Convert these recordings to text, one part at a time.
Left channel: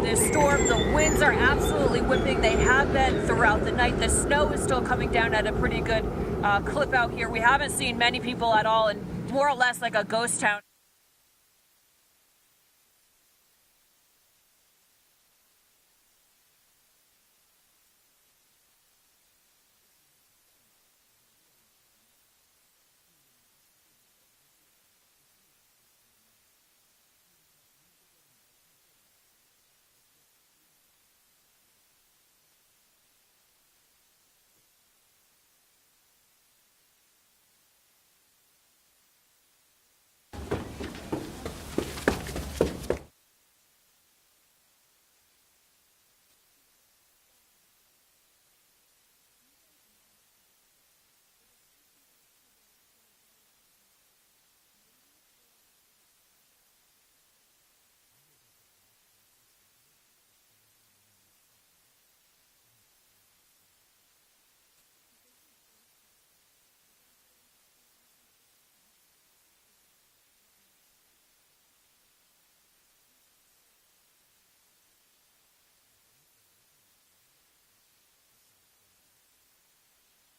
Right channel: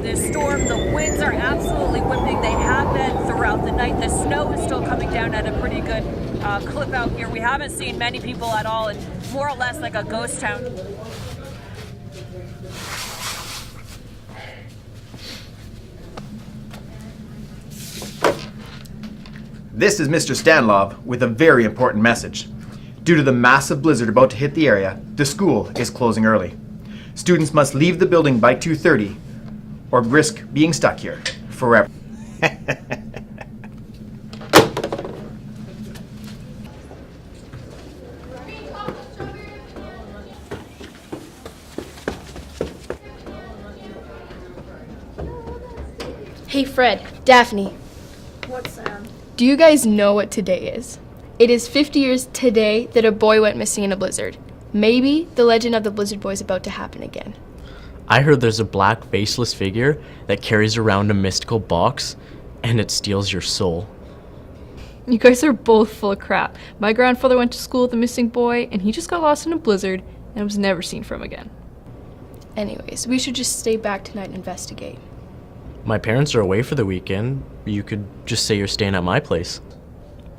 of this storm. The winds are absolutely whipping. They have been throughout the night. The snow is still coming down at a pretty good clip out here. We haven't seen many people at all, and more or less like a ghost town. This is Mr. Stanlov with a very important message. Due to the massive blizzard about to hit the area, the school is closing early. Students must leave the building by 2:30 or risk being stuck here forever. Hey Fred, Daphne. What's Sam? Do you guys know what today is? It is 50 years today that a boy went missing in a blizzard. Maybe the legend of the Blizzard Boy is about to happen again. I heard there's a black faceless figure that carries around a mystical box and it steals your soul. You guys are both full of crap. My grandfather went to school with a missing boy and he just got lost in a blizzard and was never seen from again. Anyways, we should just stay back tonight and investigate. My parents are away for the weekend. You could just say you're staying at my place.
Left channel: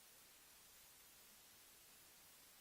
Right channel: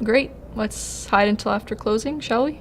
Great. Let's hide until after closing, shall we?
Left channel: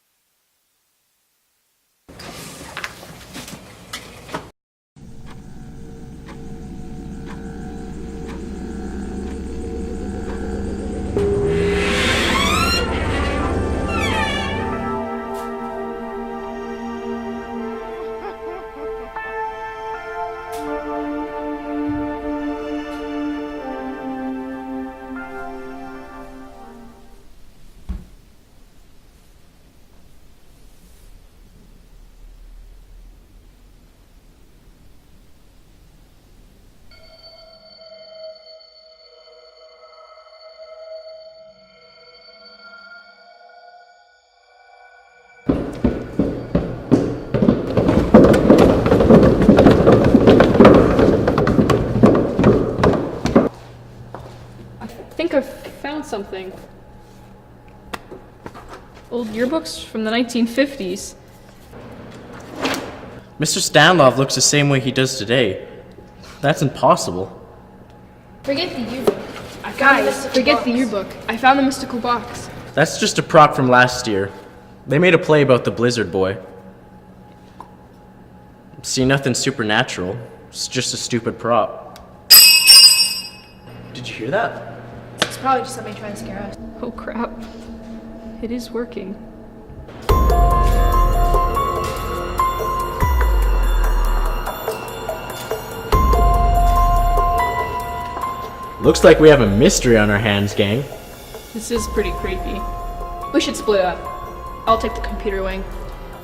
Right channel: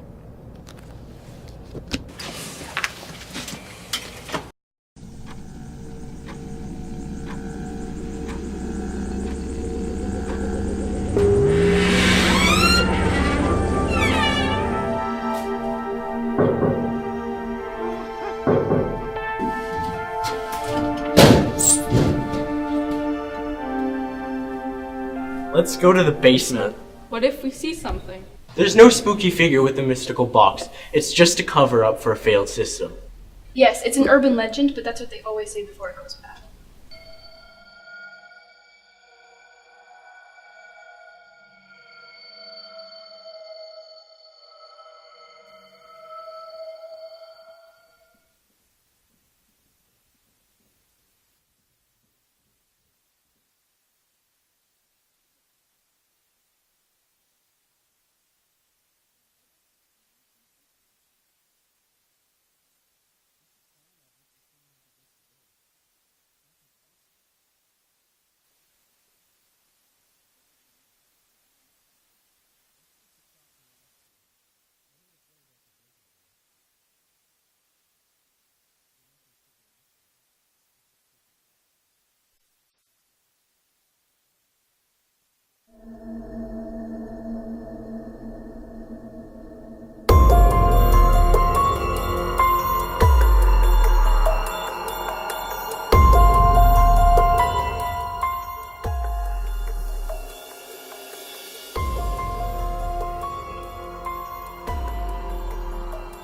Let's go to the basement. What if we see something? There's no spooky figure with a mystical box. It's just a cover up for a failed system. Yes, it's an urban legend, but that's what they always say before it goes bad. I think I've found something. Old yearbooks from the 1950s. Mr. Stanlov looks the same way he does today. That's impossible. Forget the yearbook. Guys, forget the yearbook. I found the mystical box. That's just a prop from last year. They made a play about the Blizzard Boy. See, nothing supernatural. It's just a stupid prop. Did you hear that? It's probably just somebody trying to scare us. Oh crap. It is working. Looks like we have a mystery on our hands, gang. This is pretty creepy. We should split up. I'll take the computer wing.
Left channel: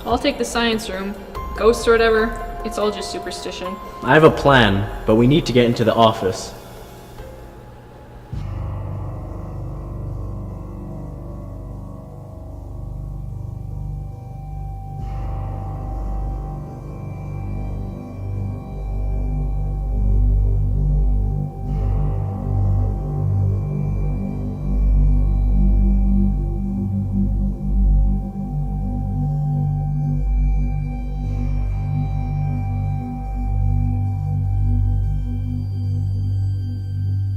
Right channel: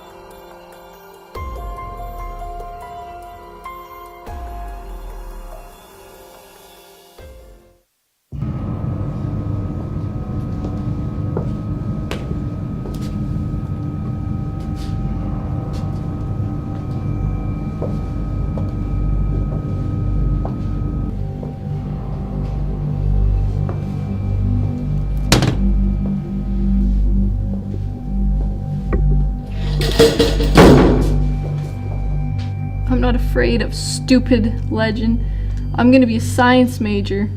I'll take the science room. Ghosts or whatever, it's all just superstition. I have a plan, but we need to get into the office. I'm not afraid of stupid legend. I'm gonna be a science major.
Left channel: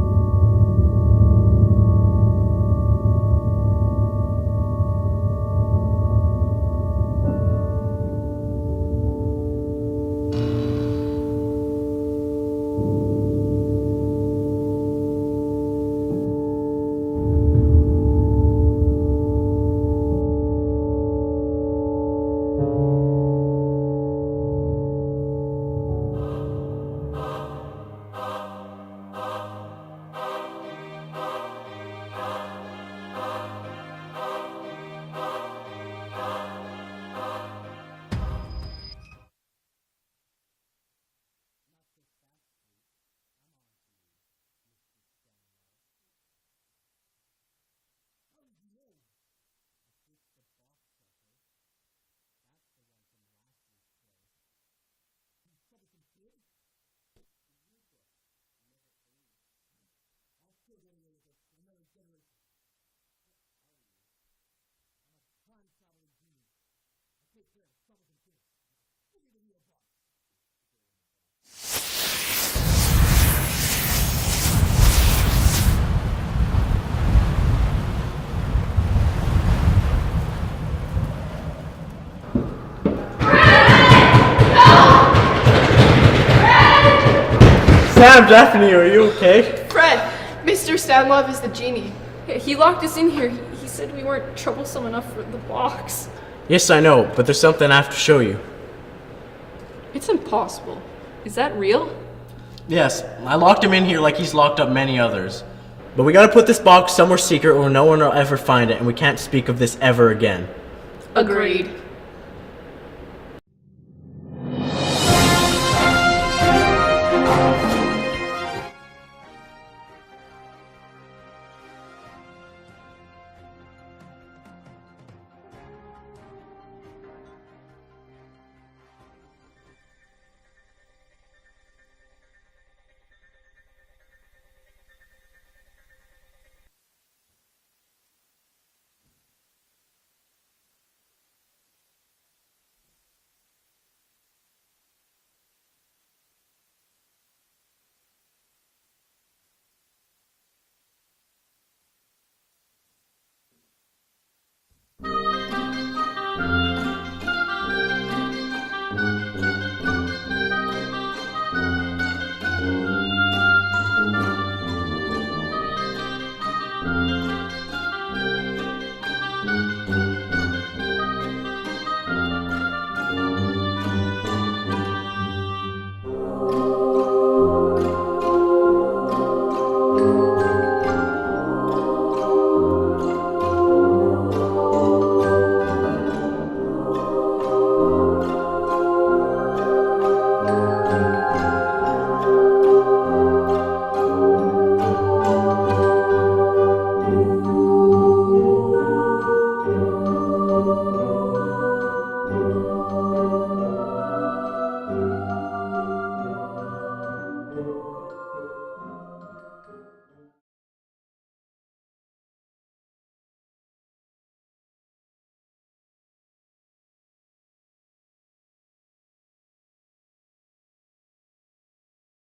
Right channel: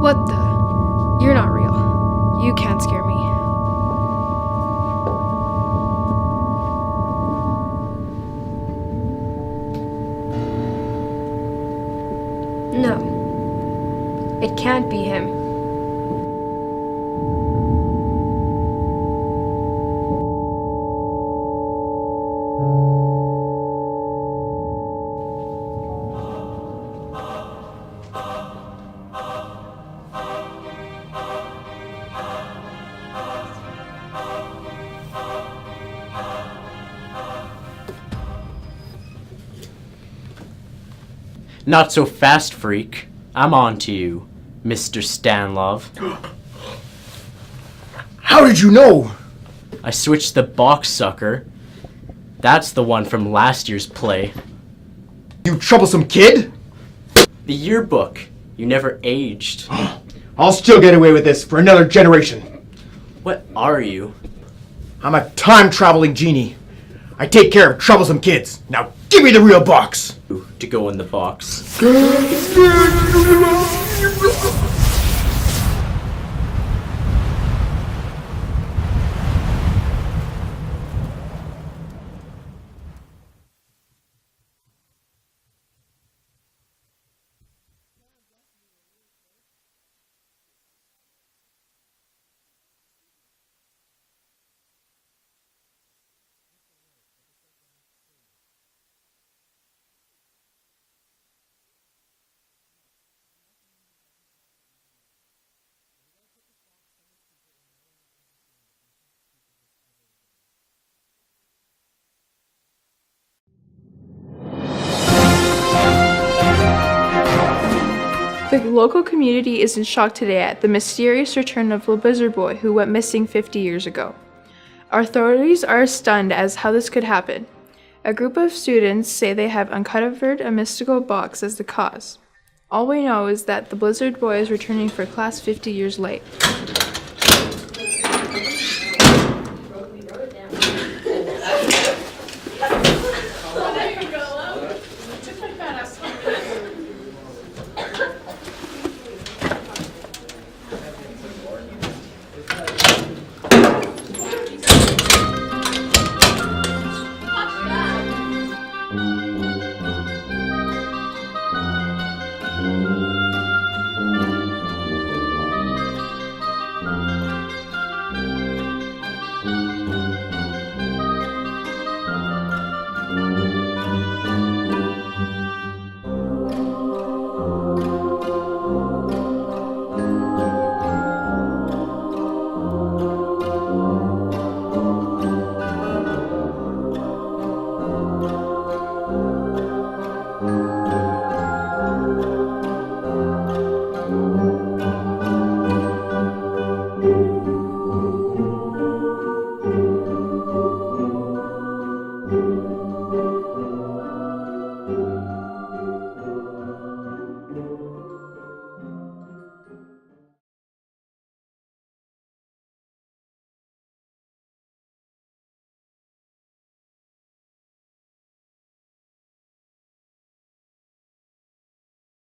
What the? You're not real. You can't scare me. No. It can't be him. Not so fast, freak. I'm on to you, Mr. Stanlov. How did you know? I switched the box, sucker. That's the one from last year's play. You troublesome kid? The yearbook. You never aged. I'll still get away with this for another generation. What are you? I'm a time-traveling genie. I take care of troublesome kids. Now give me the real box. To go in the box. Sam, Daphne, are you okay? Fred, Mr. Stanlov is the genie. He locked us in here. He said we weren't troublesome enough for the box. Yes, I know, but there's something I have to show you. It's impossible. Is that real? Yes, I locked him in here like he's locked up many others. But we gotta put this box somewhere secret where no one will ever find it, and we can't speak of this ever again. Agreed. The local community is in shock today at the mysterious return of the Blizzard Boy who went missing 50 years ago. Authorities are stunned as how this could happen. A group of students say they have uncovered a mystical box as the cause. All we know is that the Blizzard Boy is returning for class 50 years late. Thank you.